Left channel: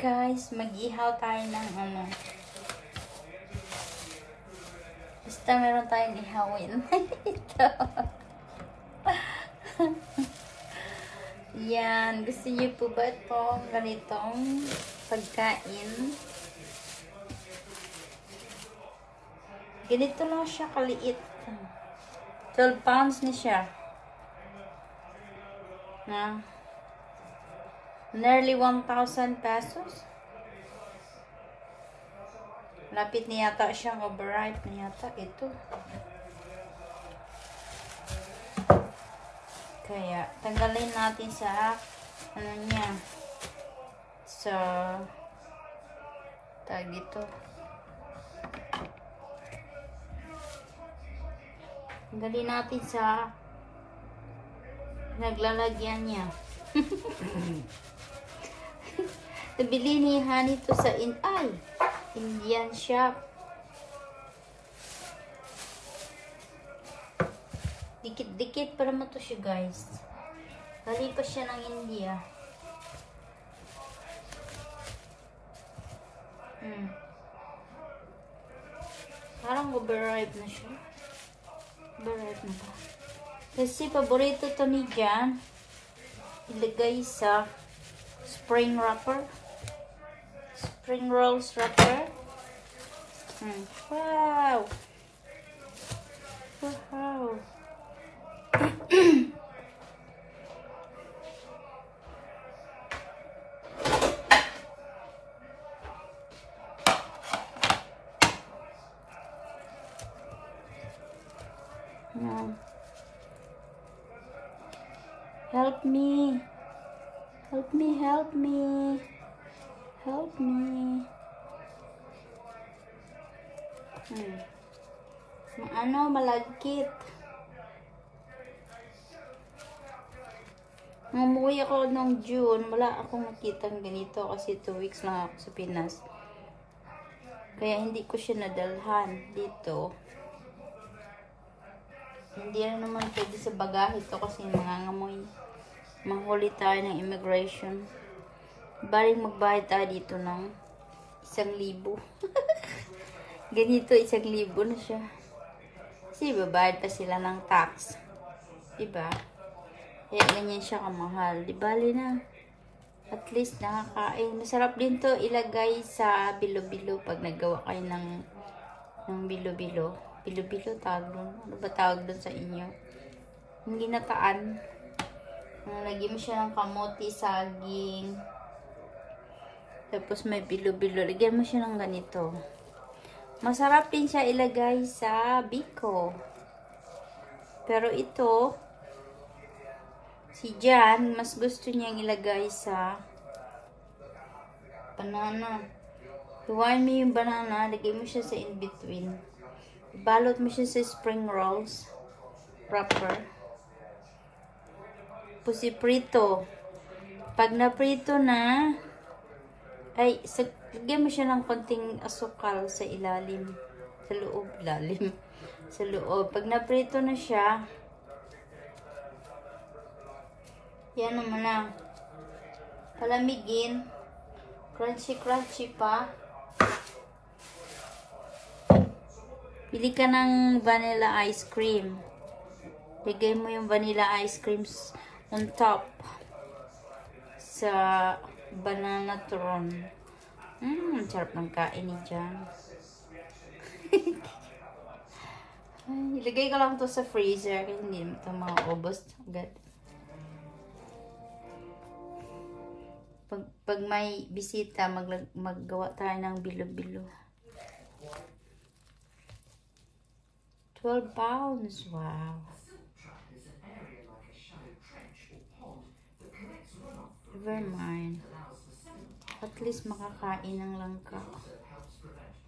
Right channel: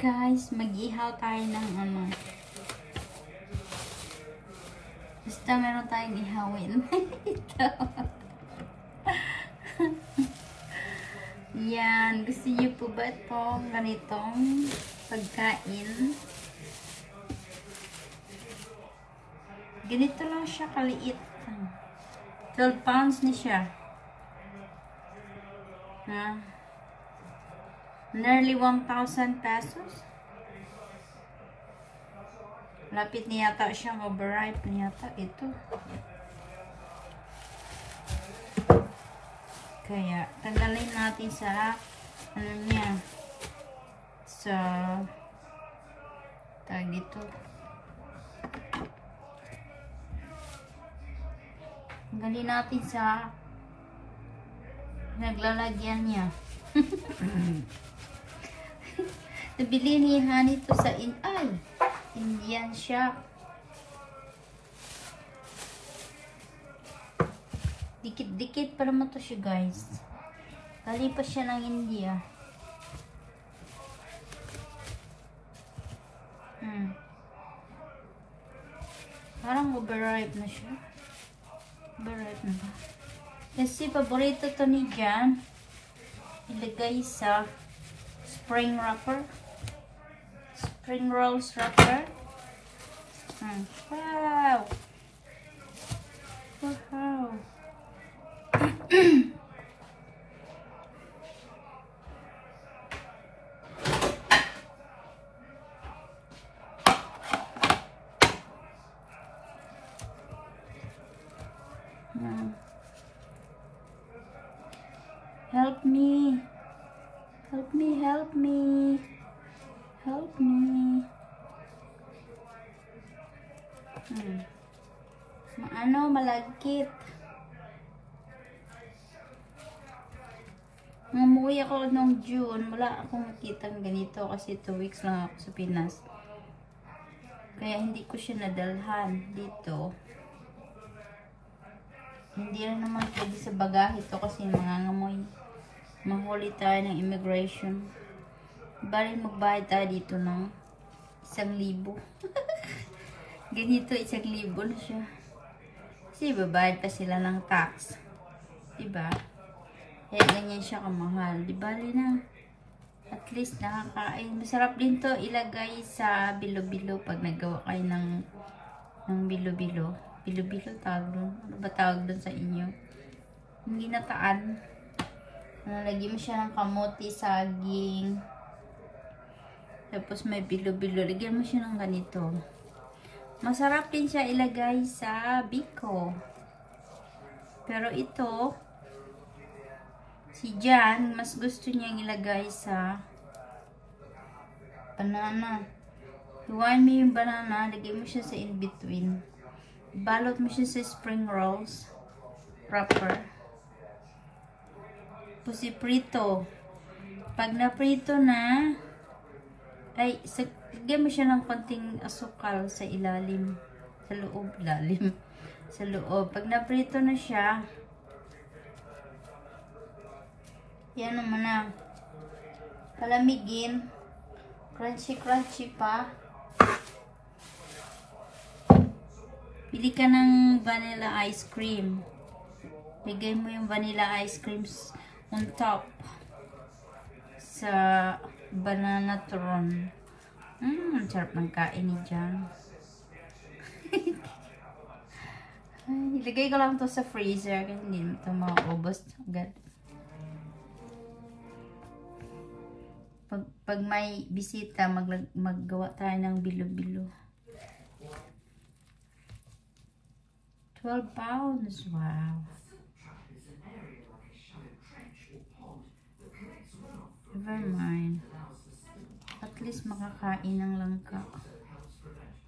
Guys, mag-ihaw tayo ng ano. Basta meron tayong ihawin. Ito. Yan. Gusto niyo po ba itong ganitong pagkain? Ganito lang siya kaliit. 12 pounds na siya. Na. Nearly 1,000 pesos. Lapit na yata siyang overripe na yata. Ito. Kaya, tagalin natin sa ano niya. Sa tag dito. Tagalin natin sa naglalagyan niya. Nabili ni Honey to sa Indian shop. Dikit-dikit pa naman to siya, guys. Kalipas siya ng India. Parang overripe na siya. Overripe na ba? Kasi paborito to ni Jan. Ilagay sa spring wrapper. Spring rolls wrapper. Wow! Wow! Help me. Help me, help me. Help me. Ano, malagkit. Nung umuwi ako nung June, wala akong nakitang ganito kasi 2 weeks lang ako sa Pinas. Kaya hindi ko siya nadalhan dito. Hindi na naman pwede sa bagahe to kasi mangangamoy. Manghuli tayo ng immigration. Baling magbayad tayo dito ng 1,000. Ganito 1,000 na siya. Kasi babayad pa sila ng tax. Diba? Kaya ganyan siya kamahal. Di bali na. At least nakakain. Masarap din to ilagay sa bilo-bilo pag naggawa kayo ng bilo-bilo. Bilo-bilo tawag doon. Ano ba tawag doon sa inyo? Hindi nataan. Nalagyan mo siya ng kamote, saging. Tapos may bilo-bilo. Lagyan mo siya ng ganito. Masarap din siya ilagay sa biko. Pero ito, si Jan, mas gusto niyang ilagay sa banana. Hiwain mo yung banana, lagyan mo siya sa in-between. Balot mo siya sa spring rolls wrapper. Pusi prito. Pag na-prito na, ay, lagyan mo siya ng konting asukal sa ilalim. Sa loob, ilalim. Sa loob. Pag na-prito na siya, yan naman na. Palamigin. Crunchy-crunchy pa. Pili ka ng vanilla ice cream. Lagay mo yung vanilla ice cream on top sa banana tron. Sarap ng kain ni Jan. Ilagay ko lang to sa freezer kasi hindi ito maubos agad. Pag may bisita, maggawa tayo ng bilo-bilo. 12 pounds. Wow. Never mind. At least makakain ng langka.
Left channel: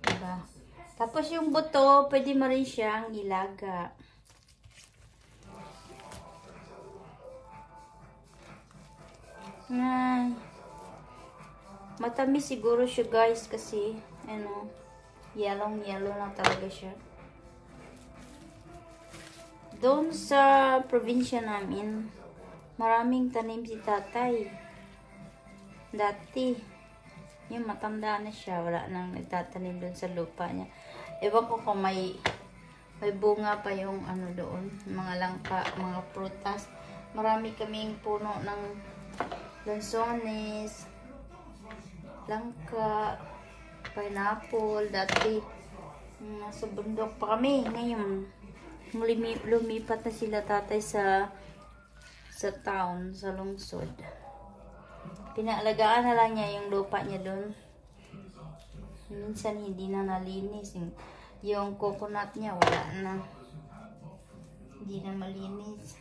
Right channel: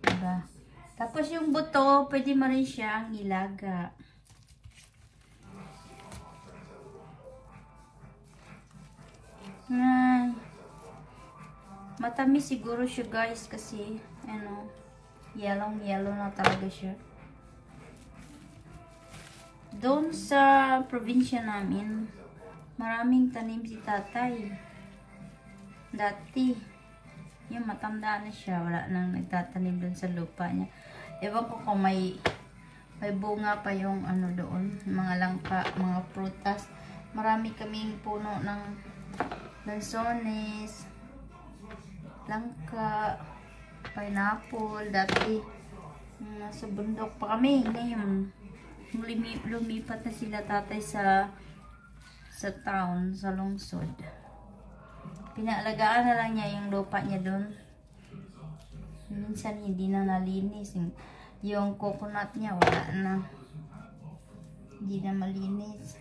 Diba? Tapos yung buto, pwede mo rin siyang ilaga. Matamis siguro siya, guys, kasi ano, yellow na talaga siya. Doon sa probinsya namin, maraming tanim si tatay. Dati, Yung matanda na siya, wala nang nagtatanim dun sa lupa niya. Ewan ko kung may bunga pa yung ano doon, mga langka, mga prutas. Marami kaming puno ng lansones, langka, pineapple. Dati nasa bundok pa kami. Ngayon lumipat na sila tatay sa town, sa lungsod. Pinaalagaan na lang niya yung lupa niya doon. Minsan hindi na nalinis. Yung coconut niya wala na. Hindi na malinis.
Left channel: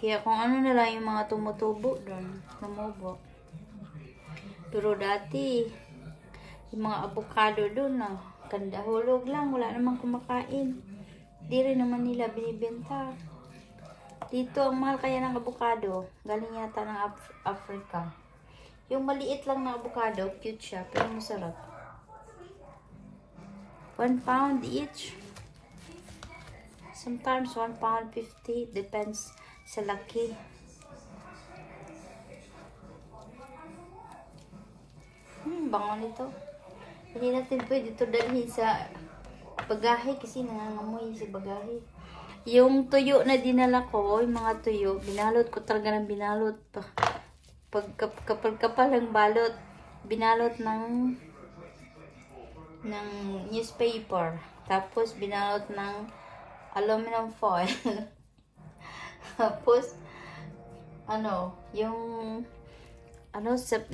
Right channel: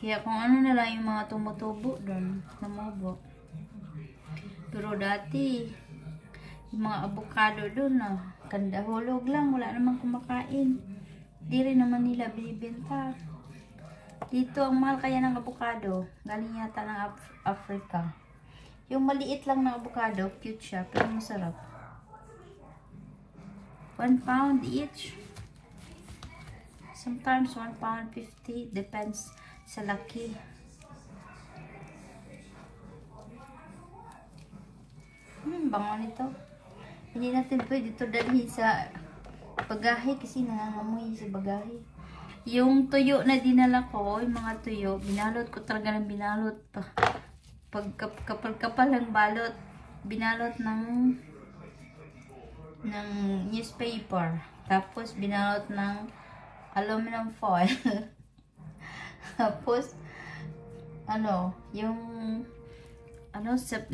Kaya kung ano na lang yung mga tumutubo doon, tumubo. Pero dati, yung mga avocado doon ganda hulog lang, wala namang kumakain. Di rin naman nila binibenta. Dito, ang mahal kaya ng avocado, galing yata ng Africa. Yung maliit lang na avocado, cute siya, pero masarap. 1 pound each. Sometimes 1 pound 50, depends sa laki. Bango nito. Hindi natin pwede ito dalhin sa bagahe kasi nangangamoy sa bagahe. Yung tuyo na dinala ko, yung mga tuyo, binalot ko talaga ng binalot pa. Pag kapal ang balot, binalot ng newspaper. Tapos binalot ng aluminum foil. Tapos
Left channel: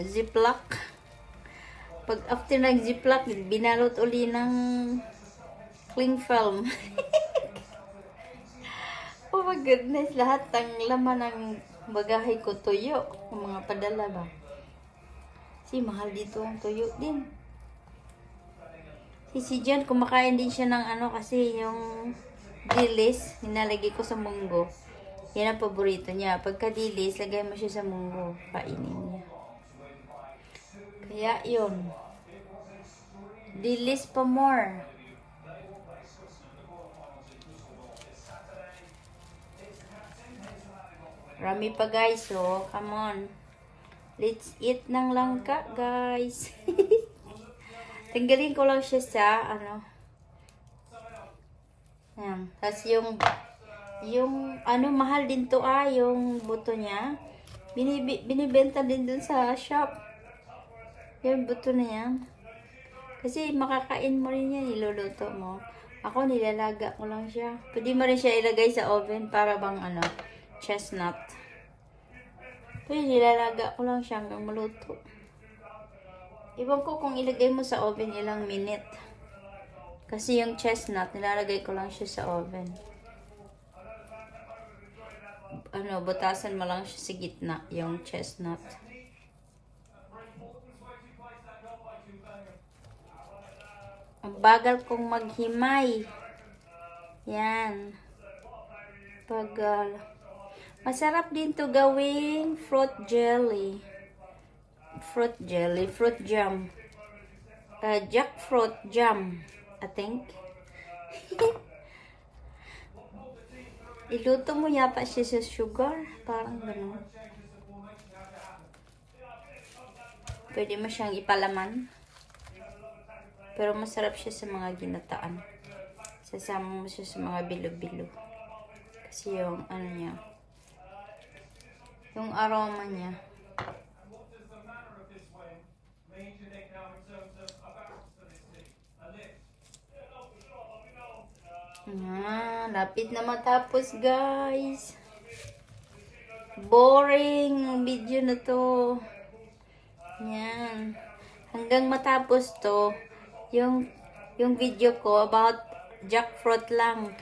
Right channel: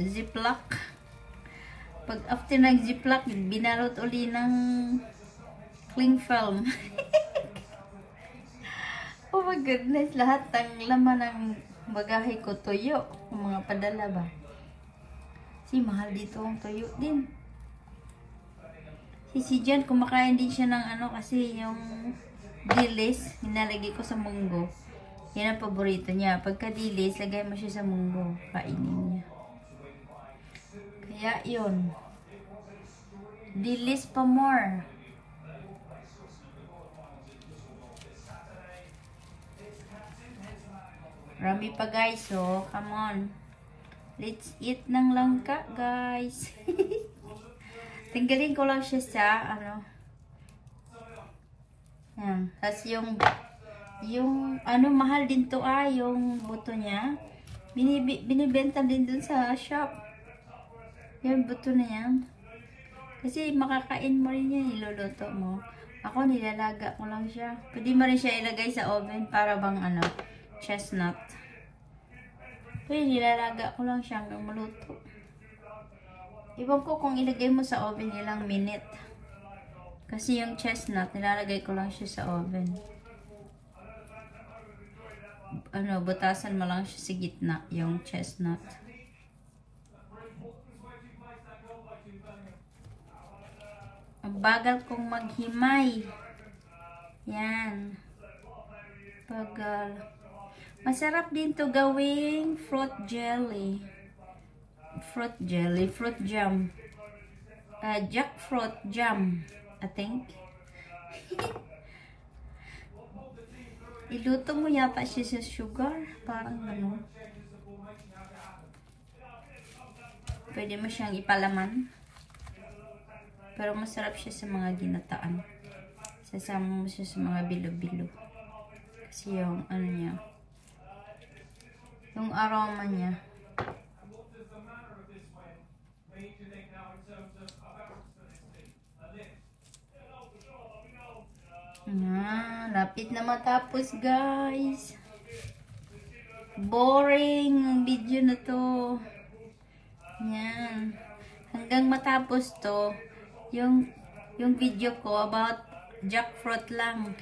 ziplock. Pag after nag-ziplock, binalot uli ng cling film. Oh my goodness, lahat ng laman ng bagahe ko tuyo. Yung mga padala ba? Kasi mahal dito ang tuyo din. Si Jen, kumakain din siya ng kasi yung dilis, nilalagay ko sa munggo. Yan ang paborito niya. Pagka dilis, lagay mo siya sa munggo. Kainin niya. Kaya yun. Dilis pa more. Rami pa guys, so come on. Let's eat ng langka guys. Tanggalin ko lang siya sa yan. Tapos yung mahal din to yung buto niya. Binibenta din dun sa shop. Yung buto na yan. Kasi makakain mo rin yan, iluluto mo. Ako nilalaga ko lang siya. Pwede mo rin siya ilagay sa oven para bang chestnut. Pwede nilalaga ko lang siya hanggang maluto. Iwan ko kung ilagay mo sa oven ilang minute. Kasi yung chestnut, nilalagay ko lang siya sa oven. Butasan mo lang siya sa gitna, yung chestnut. Ang bagal kong maghimay. Yan. Bagal. Masarap din to gawing fruit jelly. Fruit jam. Jackfruit jam, I think. Iluto mo yata siya sa sugar. Parang gano'n. Pwede mo siyang ipalaman. Pero masarap siya sa mga ginataan. Sasama mo siya sa mga bilo-bilo. Kasi yung niya. Yung aroma niya. Lapit na matapos guys. Boring ang video na to. Yan. Hanggang matapos to, yung video ko about jackfruit lang.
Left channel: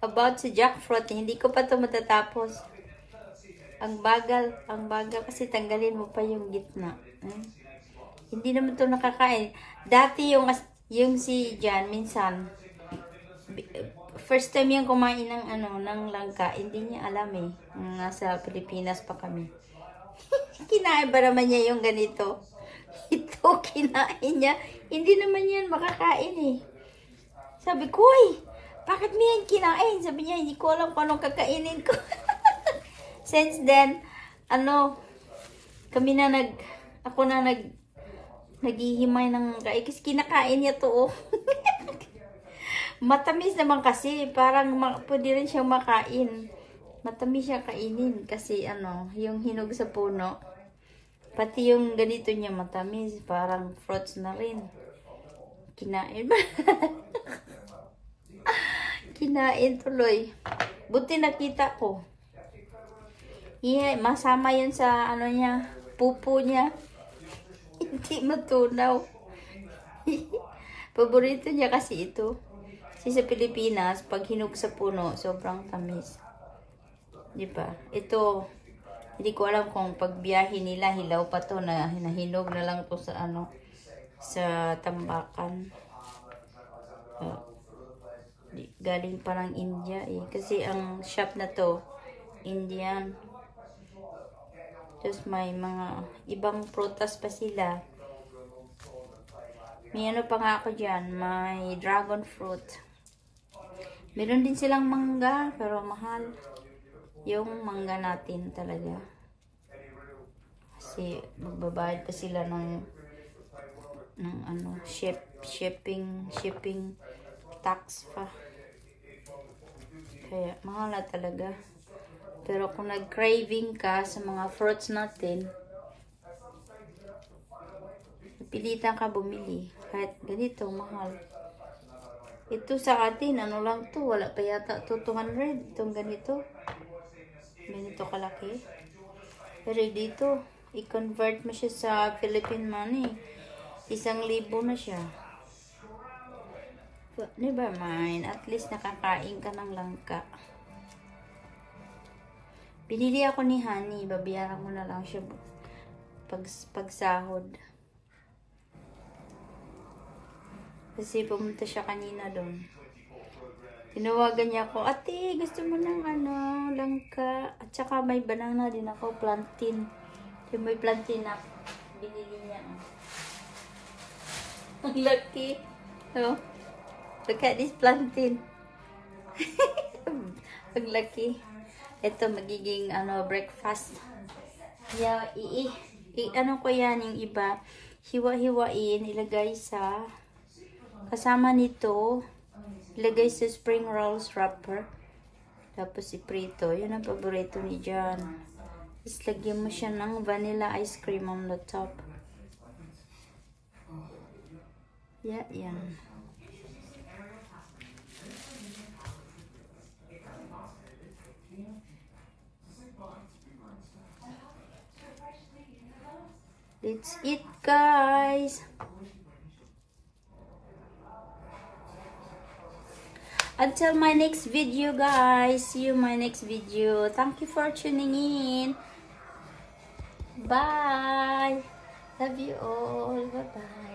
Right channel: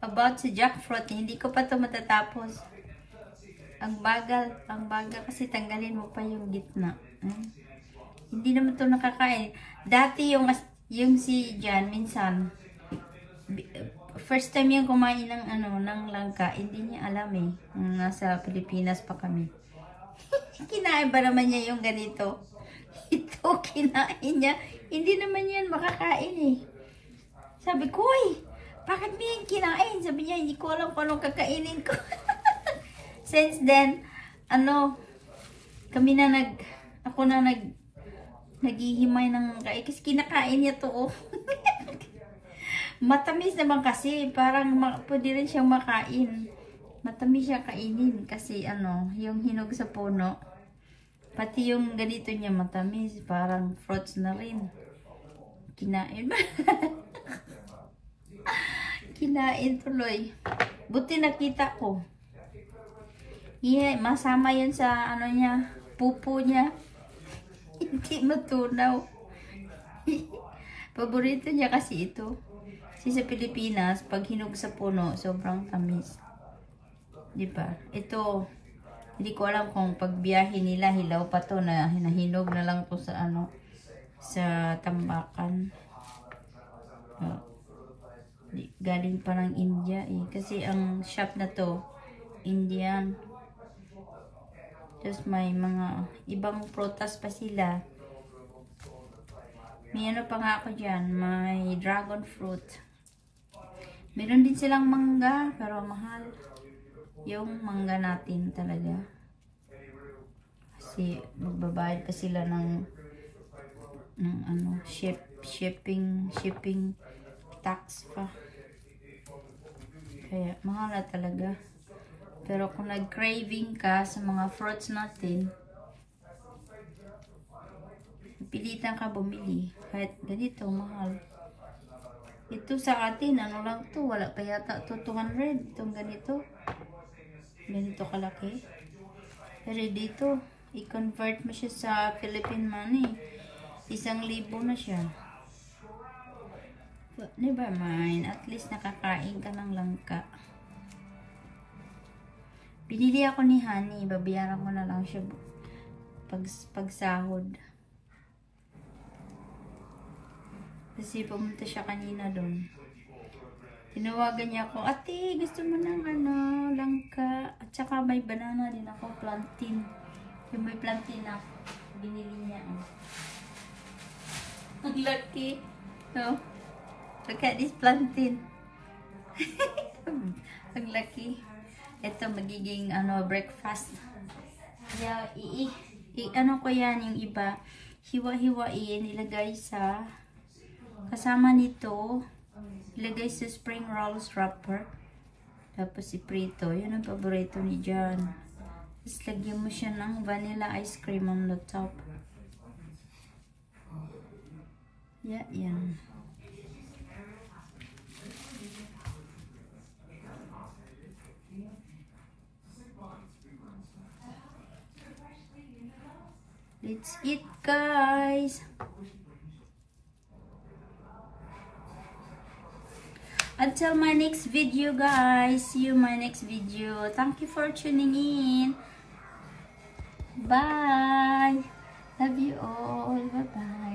About sa jackfruit, hindi ko pa to matatapos. Ang bagal kasi tanggalin mo pa yung gitna. Hindi naman to nakakain. Dati yung si Jan, minsan, first time yung kumain ng langka, hindi niya alam nasa Pilipinas pa kami. Kinain ba naman niya yung ganito? Ito, kinain niya. Hindi naman yan makakain Sabi ko, bakit mo yan kinain? Sabi niya, hindi ko alam kung anong kakainin ko. Since then, Kami na ako na naghihimay ng kasi kinakain niya to, oh. Matamis naman kasi, parang pwede rin siyang makain. Matamis siya kainin kasi yung hinog sa puno. Pati yung ganito niya matamis, parang fruits na rin. Kinain ba? Kinain tuloy. Buti nakita ko. Yeah, masama yun sa niya, pupo niya. Hindi matunaw. Paborito niya kasi ito. Kasi sa Pilipinas, pag hinog sa puno, sobrang tamis. Diba? Ito, hindi ko alam kung pagbiyahe nila, hilaw pa to na hinahinog na lang to sa sa tambakan. Galing pa ng India eh. Kasi ang shop na to, Indian. Tapos may mga ibang prutas pa sila. May pa nga ako dyan, may dragon fruit. Meron din silang mangga, pero mahal. Yung mangga natin talaga. Kasi magbabayad pa sila ng shipping tax pa. Kaya mahal na talaga. Pero kung nag-craving ka sa mga fruits natin, pilitan ka bumili. Kahit ganito, mahal. Ito sa atin, lang to? Wala pa yata to 200. Itong ganito. Ganito kalaki. Pero dito, i-convert mo siya sa Philippine money. 1,000 na siya. But never mind. At least nakakain ka ng langka. Binili ako ni Honey. Babayaran ko na lang siya pagsahod. Kasi pumunta siya kanina doon. Tinawagan niya ako, ate, gusto mo ng langka. At saka may banana din ako, plantain. Yung may plantain na binili niya. Ang laki. Oh, look at this plantain. Ang laki. Ito magiging breakfast. Yeah, ko yan yung iba. Hiwa-hiwain, ilagay sa kasama nito, ilagay sa spring rolls wrapper. Tapos iprito. Yan ang paborito ni John. Tapos lagyan mo siya ng vanilla ice cream on the top. Yeah, yan. Let's eat, guys. Until my next video, guys. See you my next video. Thank you for tuning in. Bye. Love you all. Bye-bye.